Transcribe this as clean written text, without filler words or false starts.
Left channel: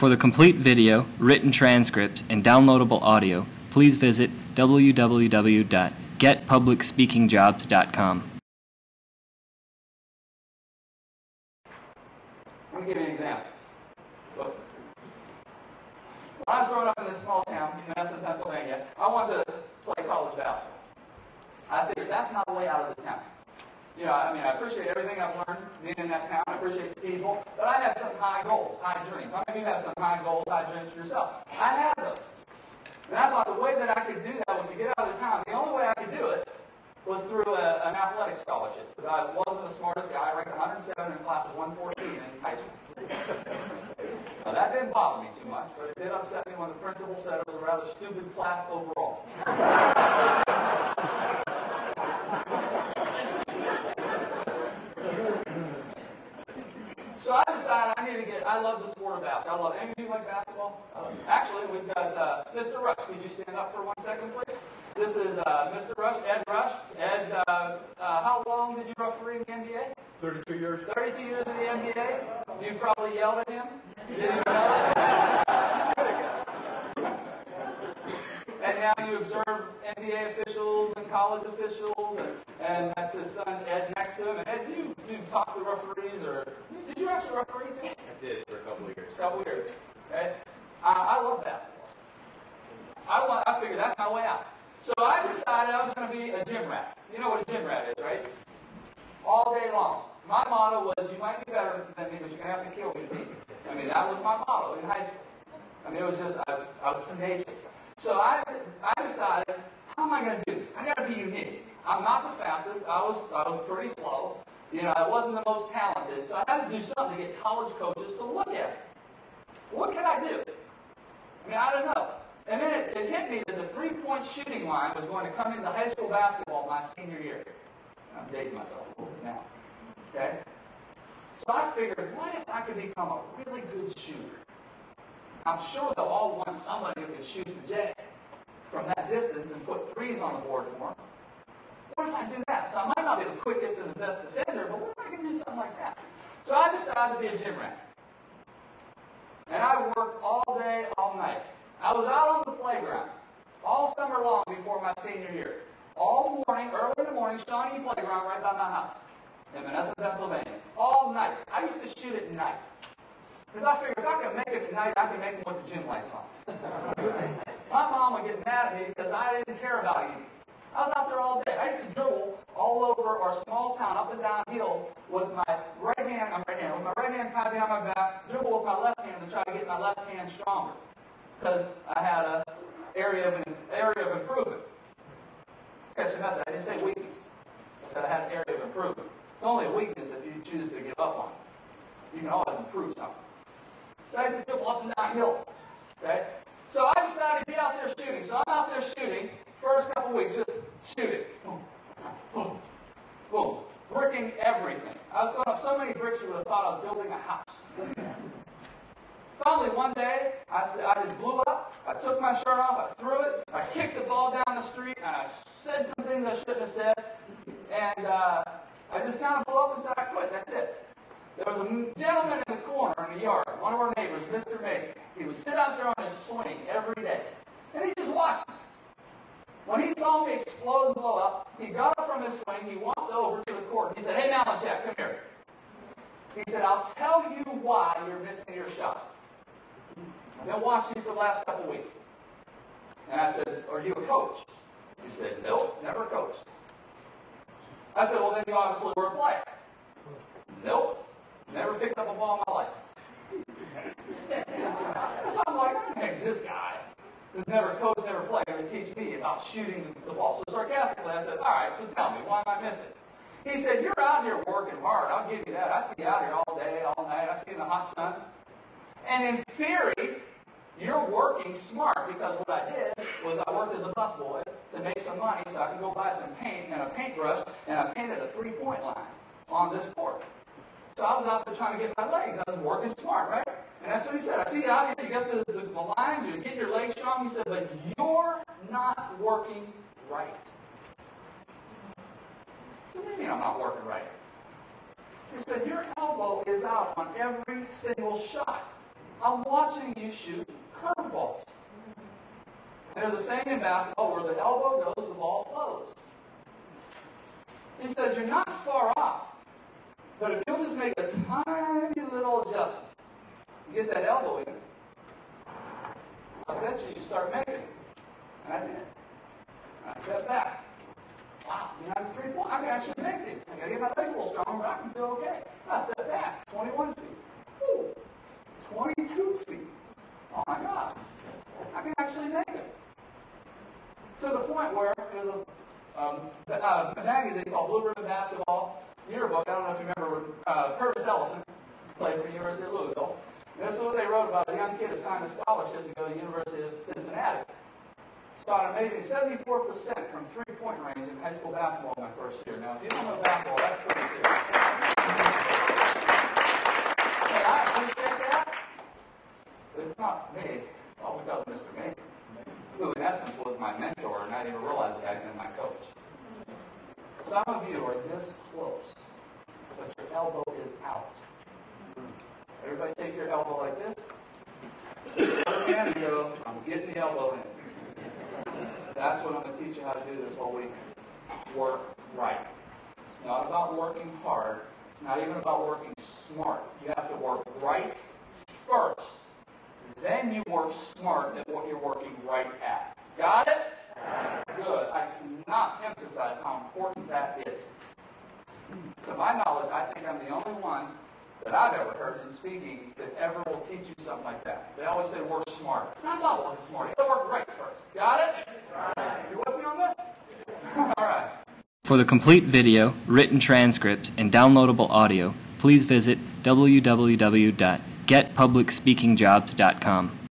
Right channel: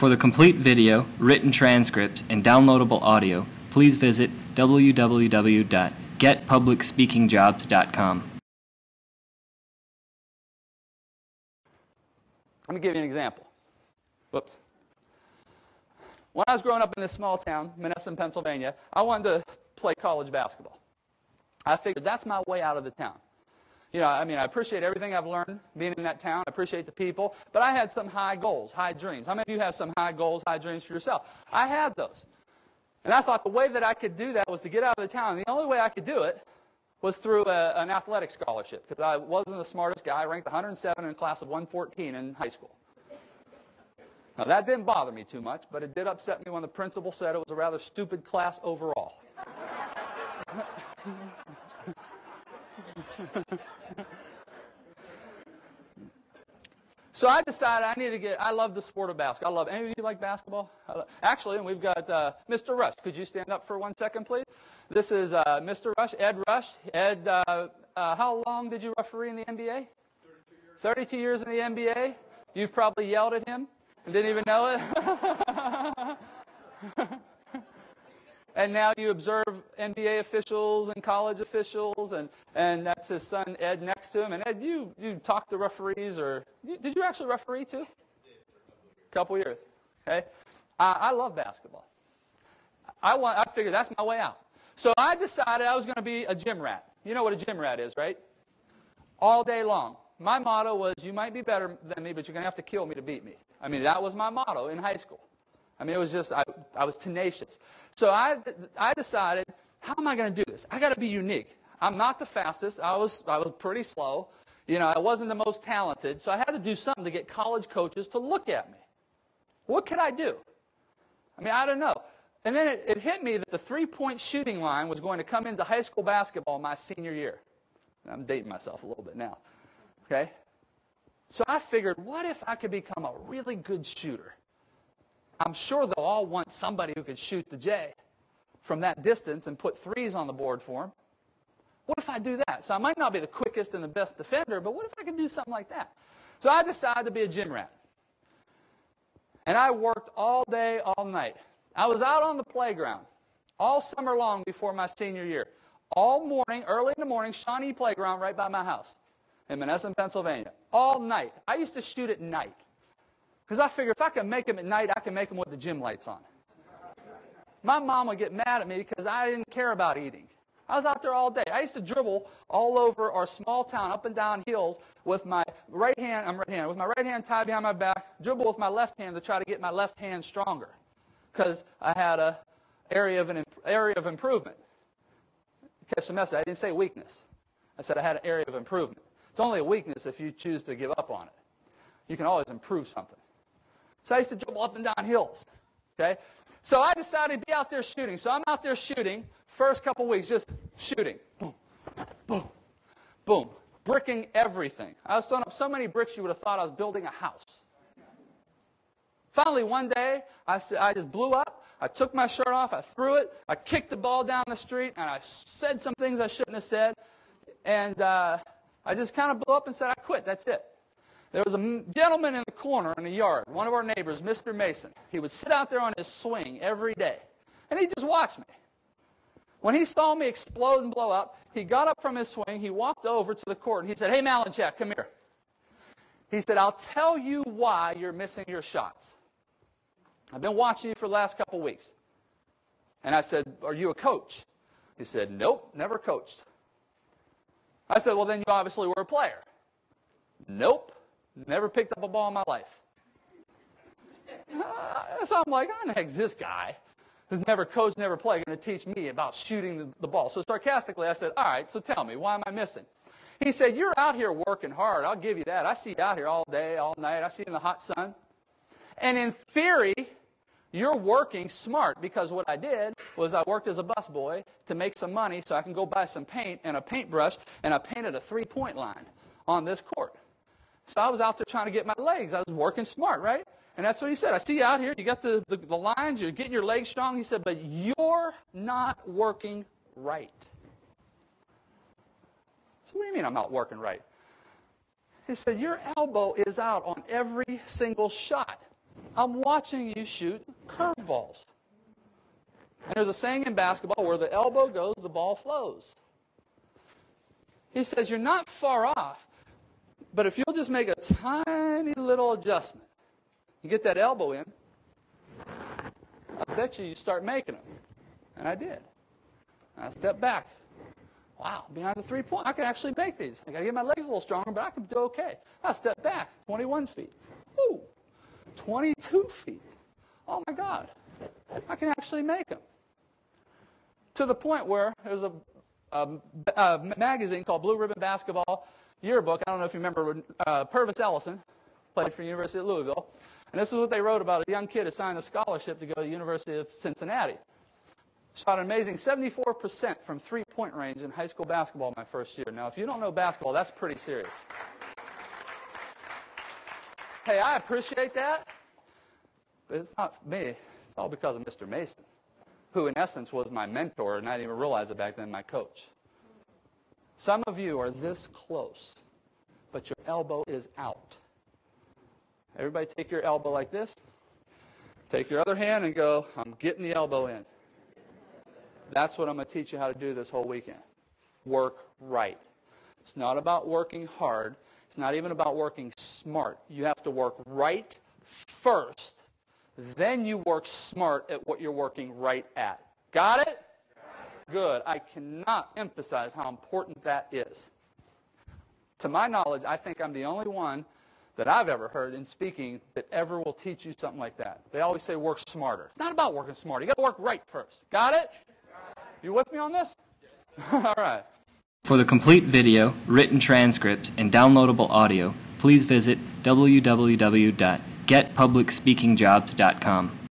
For the complete video, written transcripts, and downloadable audio, please visit www.getpublicspeakingjobs.com. Let me give you an example. Whoops. When I was growing up in this small town, Monessen, Pennsylvania, I wanted to play college basketball. I figured that's my way out of the town. You know, I appreciate everything I've learned being in that town. I appreciate the people. But I had some high goals, high dreams. How many of you have some high goals, high dreams for yourself? I had those. And I thought the way that I could do that was to get out of the town. The only way I could do it was through an athletic scholarship, because I wasn't the smartest guy. I ranked 107 in a class of 114 in high school. Now, that didn't bother me too much, but it did upset me when the principal said it was a rather stupid class overall. So I decided I love the sport of basketball. I love, any of you like basketball? Actually, we've got Mr. Rush. Could you stand up for 1 second, please? This is Mr. Rush, Ed Rush. Ed, how long did you referee in the NBA? 32 years. 32 years in the NBA. You've probably yelled at him. You didn't even know it. And now you observe NBA officials and college officials, and that's his son Ed next to him. And Ed, you talk to referees, or did you actually referee too? I did for a couple of years. Couple years. Okay. I love basketball. I figured that's my way out. So I decided I was going to be a gym rat. You know what a gym rat is, right? All day long. My motto was, you might be better than me, but you're going to have to kill me to beat me. I mean, that was my motto in high school. I mean, it was just, I was tenacious. So I decided, how am I going to do this? I got to be unique. I'm not the fastest. I was pretty slow. You know, I wasn't the most talented. So I had to do something to get college coaches to look at me. What could I do? I mean, I don't know. And then it hit me that the three-point shooting line was going to come into high school basketball my senior year. I'm dating myself a little bit now. Okay? So I figured, what if I could become a really good shooter? I'm sure they'll all want somebody who could shoot the J from that distance and put threes on the board for them. What if I do that? So I might not be the quickest and the best defender, but what if I could do something like that? So I decided to be a gym rat. And I worked all day, all night. I was out on the playground all summer long before my senior year. All morning, early in the morning, Shawnee Playground right by my house in Monessen, Pennsylvania. All night. I used to shoot at night. Because I figured if I can make them at night, I can make them with the gym lights on. My mom would get mad at me because I didn't care about eating. I was out there all day. I used to dribble all over our small town, up and down hills, with my right hand, with my right hand tied behind my back, dribble with my left hand to try to get my left hand stronger. Because I had an area of improvement. Catch the message. I didn't say weakness. I said I had an area of improvement. It's only a weakness if you choose to give up on it. You can always improve something. So I used to dribble up and down hills. Okay? So I decided to be out there shooting. So I'm out there shooting. First couple weeks, just shooting. Boom, boom, boom. Bricking everything. I was throwing up so many bricks you would have thought I was building a house. Finally, one day, I just blew up. I took my shirt off. I threw it. I kicked the ball down the street. And I said some things I shouldn't have said. And I just kind of blew up and said, I quit. That's it. There was a gentleman in the corner in the yard, one of our neighbors, Mr. Mason. He would sit out there on his swing every day. And he just watched me. When he saw me explode and blow up, he got up from his swing. He walked over to the court. And he said, hey, Malinchak, come here. He said, I'll tell you why you're missing your shots. I've been watching you for the last couple weeks. And I said, are you a coach? He said, nope, never coached. I said, well, then you obviously were a player. Nope, never picked up a ball in my life. So I'm like, who the heck is this guy who's never coached, never played, going to teach me about shooting the ball? So sarcastically, I said, all right, so tell me, why am I missing? He said, you're out here working hard. I'll give you that. I see you out here all day, all night. I see you in the hot sun. And in theory, you're working smart, because what I did was I worked as a busboy to make some money so I can go buy some paint and a paintbrush, and I painted a three-point line on this court. So I was out there trying to get my legs. I was working smart, right? And that's what he said. I see you out here. You got the lines. You're getting your legs strong. He said, but you're not working right. So what do you mean I'm not working right? He said, your elbow is out on every single shot. I'm watching you shoot curveballs. And there's a saying in basketball, where the elbow goes, the ball flows. He says, you're not far off, but if you'll just make a tiny little adjustment, you get that elbow in, I bet you start making it. And I did. And I stepped back. Wow, behind the 3-point, I can actually make these. I got to get my legs a little stronger, but I can do okay. I stepped back, 21 feet. Woo, 22 feet. Oh my God, I can actually make it. To the point where there's a magazine called Blue Ribbon Basketball Yearbook. I don't know if you remember Purvis Ellison, played for the University of Louisville. And this is what they wrote about a young kid assigned a scholarship to go to the University of Cincinnati. Shot an amazing 74% from three-point range in high school basketball my first year. Now, if you don't know basketball, that's pretty serious. Hey, I appreciate that, but it's not me. It's all because of Mr. Mason, who in essence was my mentor, and I didn't even realize it back then, my coach. Some of you are this close, but your elbow is out. Everybody take your elbow like this. Take your other hand and go, I'm getting the elbow in. That's what I'm going to teach you how to do this whole weekend. Work right. It's not about working hard. It's not even about working smart. You have to work right first. Then you work smart at what you're working right at. Got it? Good. I cannot emphasize how important that is. To my knowledge, I think I'm the only one that I've ever heard in speaking that ever will teach you something like that. They always say work smart. It's not about working smart. You got to work right first. Got it? You with me on this? All right. For the complete video, written transcripts, and downloadable audio, please visit www.getpublicspeakingjobs.com.